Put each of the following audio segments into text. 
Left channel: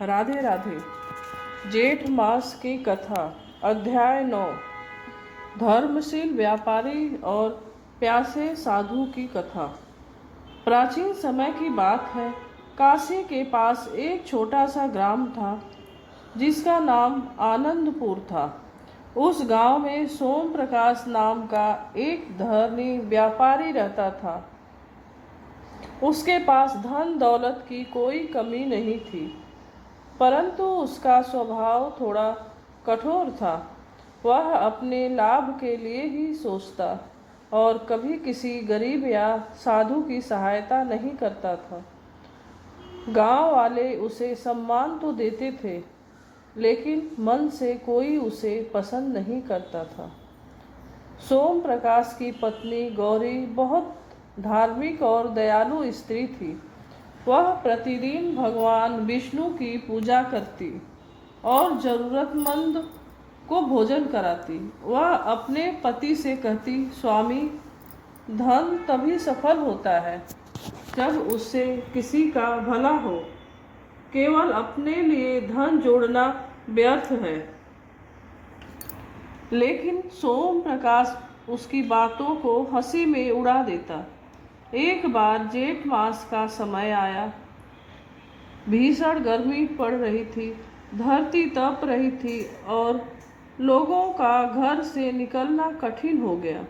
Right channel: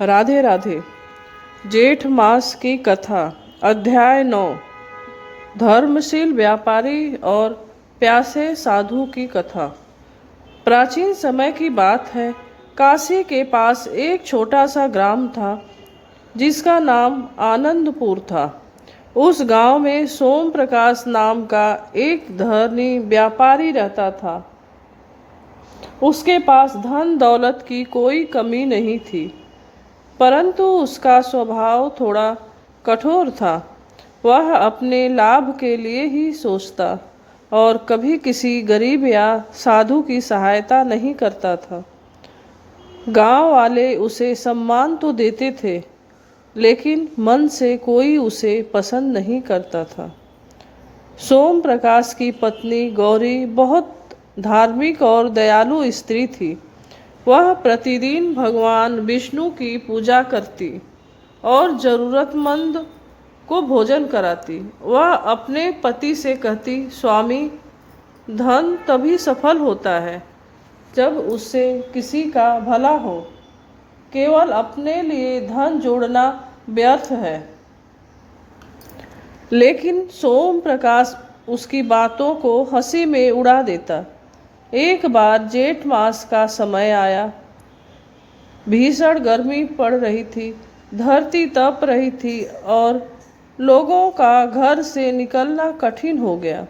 राधे राधे। जेठ मास की कथा। अध्याय 9। धर्मशील व्यापारी और प्यासे साधु की कथा। प्राचीन समय की बात है। काशी के पास एक छोटा सा ग्राम था जिसका नाम आनंदपुर था। उस गांव में सोम प्रकाश नाम का एक धनी व्यापारी रहता था। उसके पास धन दौलत की कोई कमी नहीं थी, परंतु उसका स्वभाव थोड़ा कठोर था। वह अपने लाभ के लिए ही सोचता और कभी किसी गरीब या साधु की सहायता नहीं करता था। गांव वाले उसे सम्मान तो देते थे, लेकिन मन से कोई उसे पसंद नहीं करता था। सोम प्रकाश की पत्नी गौरी बहुत धार्मिक और दयालु स्त्री थी। वह प्रतिदिन भगवान विष्णु की पूजा करती और जरूरतमंद को भोजन कराती। वह अपने पति से कहती, स्वामी, धन तभी सफल होता है जब उससे किसी का भला हो। केवल अपने लिए धन जोड़ना व्यर्थ है। लेकिन सोम प्रकाश उसकी बातों को हंसी में उड़ा देता। एक बार जेठ मास का समय आया। भीषण गर्मी पड़ रही थी, धरती तप रही थी और लोगों का घर से निकलना कठिन हो गया।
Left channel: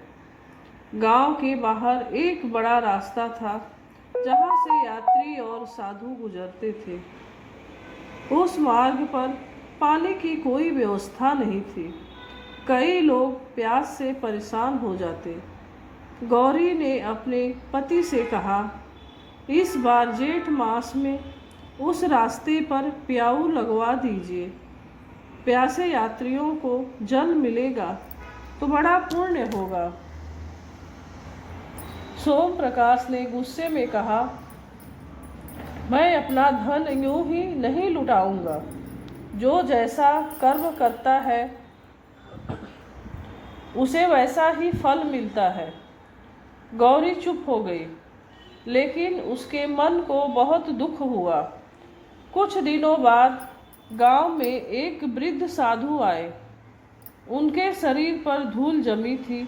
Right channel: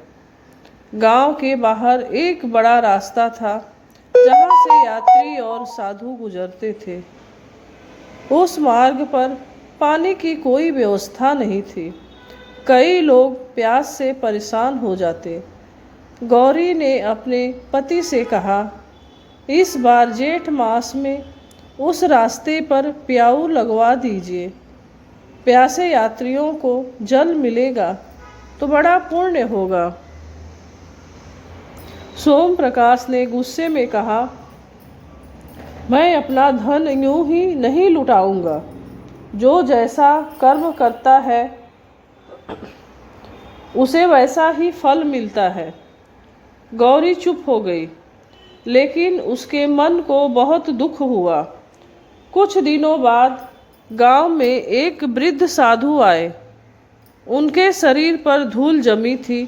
गांव के बाहर एक बड़ा रास्ता था जहां से यात्री और साधु गुजरते थे। उस मार्ग पर पानी की कोई व्यवस्था नहीं थी। कई लोग प्यास से परेशान हो जाते। गौरी ने अपने पति से कहा, इस बार जेठ मास में उस रास्ते पर प्याऊ लगवा दीजिए। प्यासे यात्रियों को जल मिलेगा तो बड़ा पुण्य होगा। सोम प्रकाश ने गुस्से में कहा, मैं अपना धन यूं ही नहीं लुटाऊंगा। जो जैसा कर्म करता है उसे वैसा ही फल मिलता है। गौरी चुप हो गई, लेकिन उसके मन को बहुत दुख हुआ। कुछ दिनों बाद गांव में एक वृद्ध साधु आए। उनके शरीर पर धूल जमी थी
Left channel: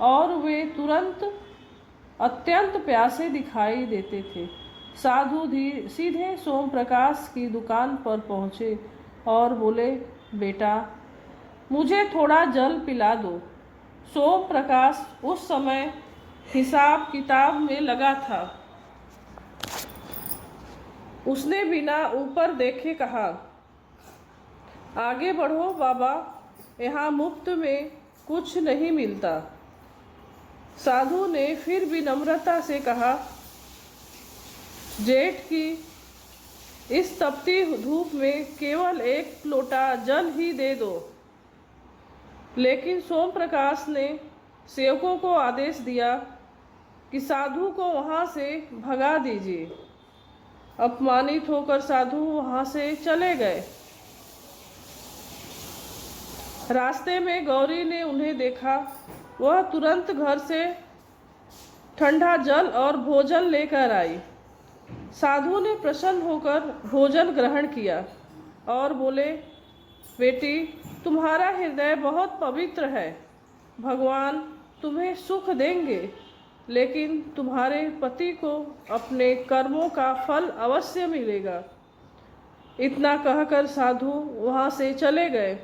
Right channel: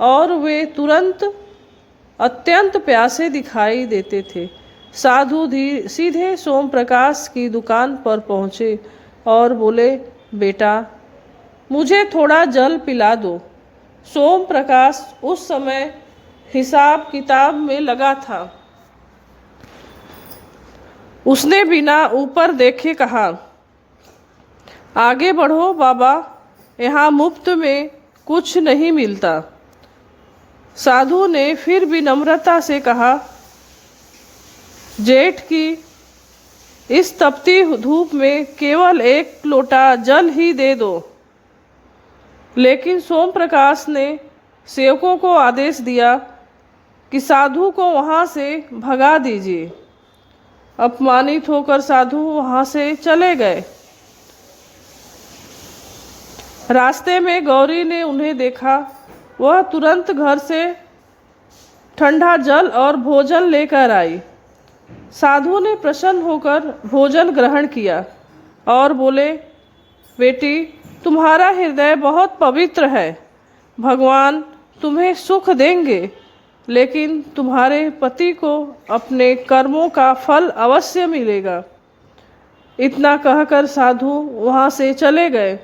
और वे तुरंत अत्यंत प्यासे दिखाई देते थे। साधु सीधे सोम प्रकाश की दुकान पर पहुँचे और बोले, बेटा, मुझे थोड़ा जल पिला दो। सोम प्रकाश उस समय हिसाब किताब में लगा था। उसने बिना ऊपर देखे कहा, आगे बढ़ो बाबा, यहाँ मुफ्त में कुछ नहीं मिलता। साधु ने फिर विनम्रता से कहा, जेठ की इस तपती धूप में केवल एक लोटा जल ही दे दो। लेकिन सोम प्रकाश ने सेवकों को आदेश दिया कि साधु को वहाँ से भगा दीजिए। अपमानित होकर साधु वहाँ से चले गए। रास्ते में गौरी ने उन्हें देखा। वह तुरंत घर से ठंडा जल और भोजन लेकर आई। साधु ने प्रसन्न होकर भोजन ग्रहण किया और बोले, बेटी, तुम्हारा हृदय बहुत पवित्र है। भगवान तुम्हें सुख देंगे, लेकिन तुम्हारे पति को अपने कर्मों का फल अवश्य मिलेगा। इतना कहकर साधु वहाँ से चले गए।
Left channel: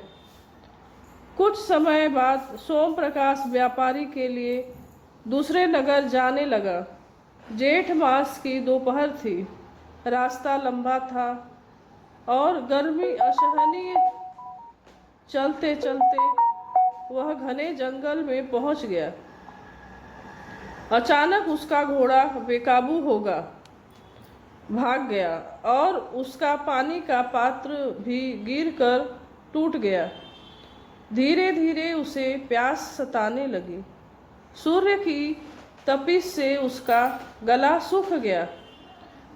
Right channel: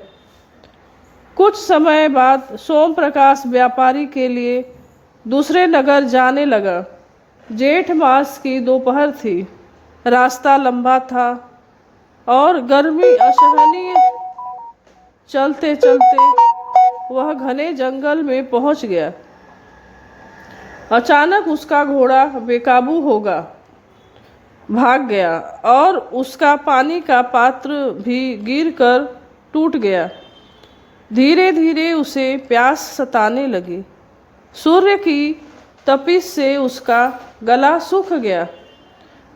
कुछ समय बाद सोम प्रकाश व्यापारी के लिए दूसरे नगर जाने लगा। जेठ मास की दोपहर थी। रास्ता लंबा था और गर्मी असहनीय। चलते चलते वह घने जंगल में पहुंच गया। अचानक उसका घोड़ा बेकाबू होगा भाग गया और उसका पानी का पात्र भी गिरकर टूट गया। धीरे धीरे उसे प्यास सताने लगी। सूर्य की तपिश से उसका गला सूख गया।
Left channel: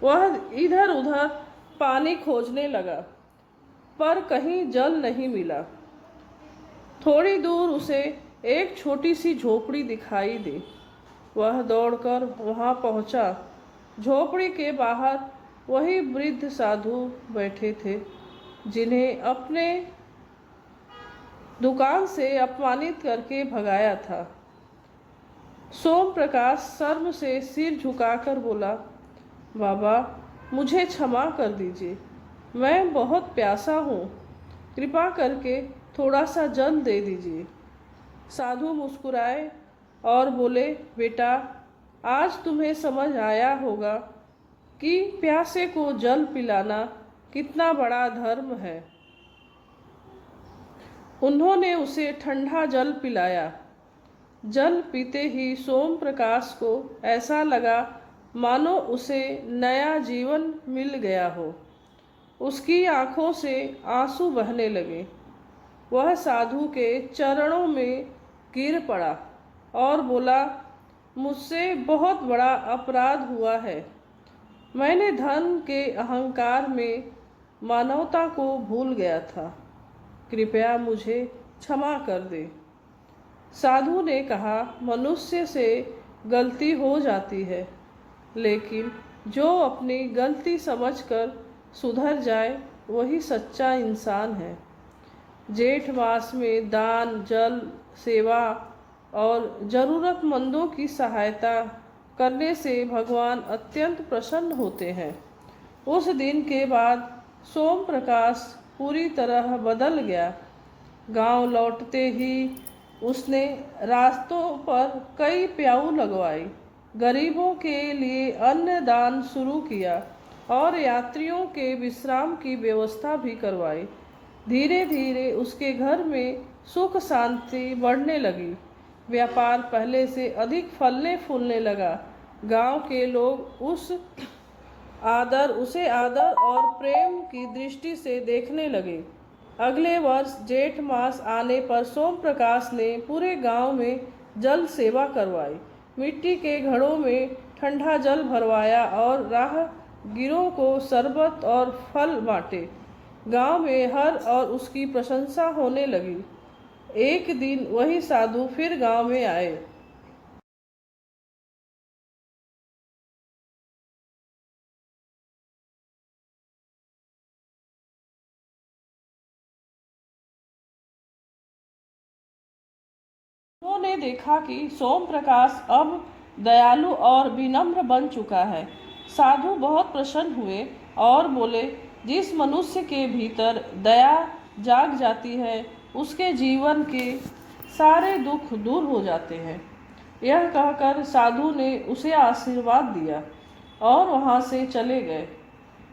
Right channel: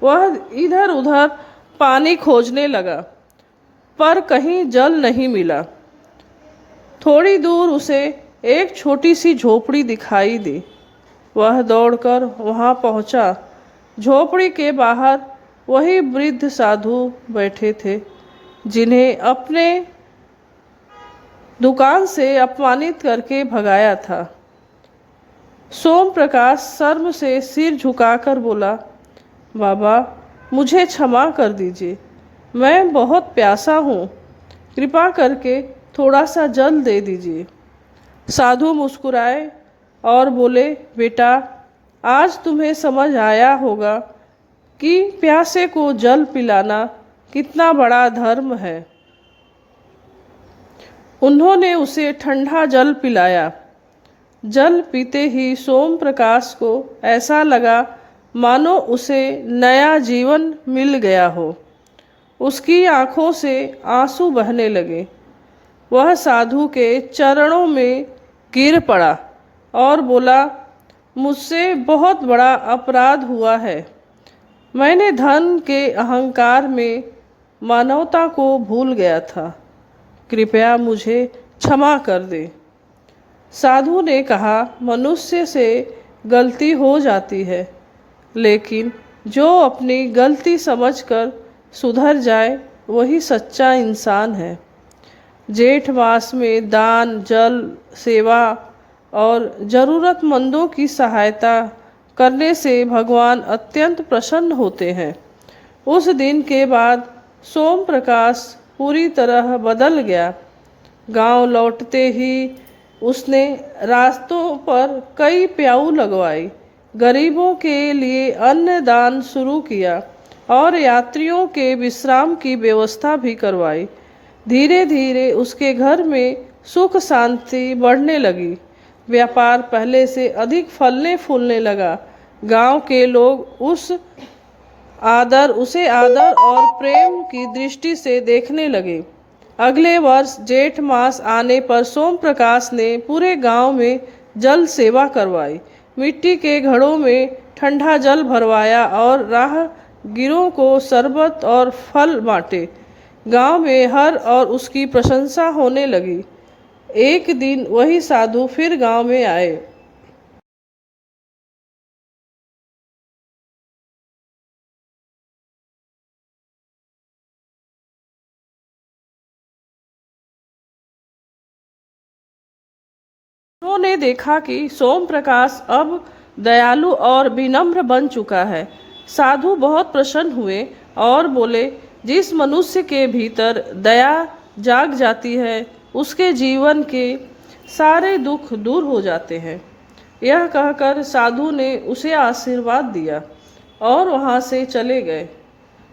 वह इधर उधर पानी खोजने लगा, पर कहीं जल नहीं मिला। थोड़ी दूर उसे एक छोटी सी झोपड़ी दिखाई दी। वह दौड़कर वहां पहुंचा। झोपड़ी के बाहर वही वृद्ध साधु बैठे थे। जिन्हें अपने दुकान से अपमानित करके भगाया था। सोम प्रकाश शर्म से सिर झुकाकर बोला, बाबा मुझे क्षमा कर दीजिए, मैं बहुत प्यासा हूँ, कृपा करके थोड़ा सा जल दे दीजिए। साधु मुस्कुराए और बोले, बेटा आज तुम्हें समझ आया होगा कि प्यासे को जल पिलाना कितना बड़ा धर्म है। उन्होंने उसे ठंडा जल पिलाया। जल पीते ही सोम प्रकाश को ऐसा लगा मानो उसे नया जीवन मिल गया हो। उसकी आंखों से आंसू बहने लगे। वह साधु के चरणों में गिर पड़ा और बोला, मुझसे बहुत बड़ा अपराध हुआ है। मैंने धन के अहंकार में मानवता को भूल गया था, कृपया मुझे क्षमा कर दे। साधु ने कहा, मनुष्य से गलती हो जाती है, लेकिन जो अपनी गलती समझकर सुधर जाए वही सच्चा इंसान है। जेठ मास में दान, जल, सेवा और ज़रूरतमंदों की सहायता करने से भगवान अत्यंत प्रसन्न होते हैं। उस दिन के बाद सोम प्रकाश पूरी तरह बदल गया। गांव लौटते ही उसने रास्तों पर कई प्याऊ लगवाई, गरीबों के लिए अन्न दान शुरू किया और यात्रियों के विश्राम की व्यवस्था भी करवाई। धीरे धीरे उसके घर में सुख शांति बढ़ने लगी। व्यापार पहले से अधिक फलने फूलने लगा। गांव के लोग उसे आदर और प्रेम की दृष्टि से देखने लगे। अगले वर्ष जेठ मास आने पर सोम प्रकाश ने पूरे गांव में जल सेवा करवाई, मिट्टी के घड़ों में ठंडा जल भरवाया और राहगीरों को शरबत और फल बांटे। गांव में हर और उसकी प्रशंसा होने लगी। एक दिन वही साधु फिर गांव में आए। उन्होंने देखा कि सोम प्रकाश अब दयालु और विनम्र बन चुका है। साधु बहुत प्रसन्न हुए और बोले, जिस मनुष्य के भीतर दया जाग जाती है उसके जीवन के सारे दुख दूर हो जाते हैं। यह कहकर साधु ने उसे आशीर्वाद दिया और वहाँ से चले गए।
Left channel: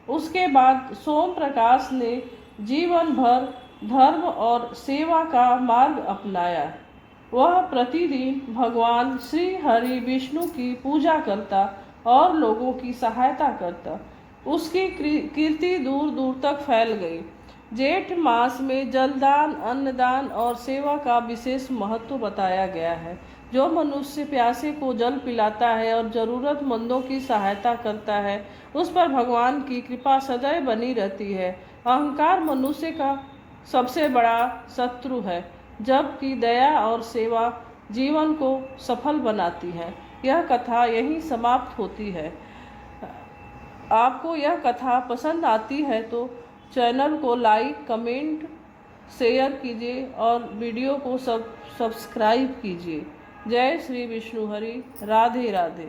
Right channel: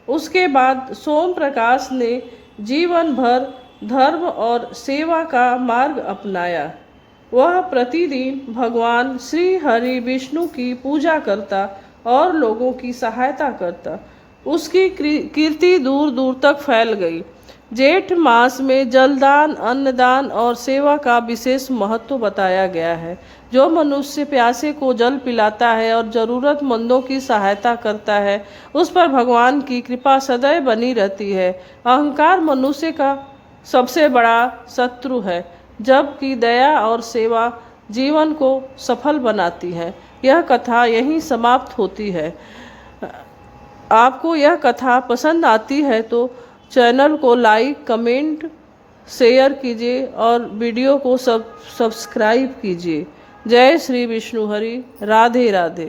उसके बाद सोम प्रकाश ने जीवन भर धर्म और सेवा का मार्ग अपनाया। वह प्रतिदिन भगवान श्री हरि विष्णु की पूजा करता और लोगों की सहायता करता। उसकी कीर्ति दूर दूर तक फैल गई। जेठ मास में जलदान, अन्नदान और सेवा का विशेष महत्व बताया गया है। जो मनुष्य प्यासे को जल पिलाता है और ज़रूरतमंदों की सहायता करता है, उस पर भगवान की कृपा सदैव बनी रहती है। अहंकार मनुष्य का सबसे बड़ा शत्रु है, जबकि दया और सेवा जीवन को सफल बनाती है। यह कथा यहीं समाप्त होती है। आपको यह कथा पसंद आती है तो चैनल को लाइक, कमेंट, शेयर कीजिए और वीडियो को सब्सक्राइब कीजिए। जय श्री विष्णु हरि। राधे राधे।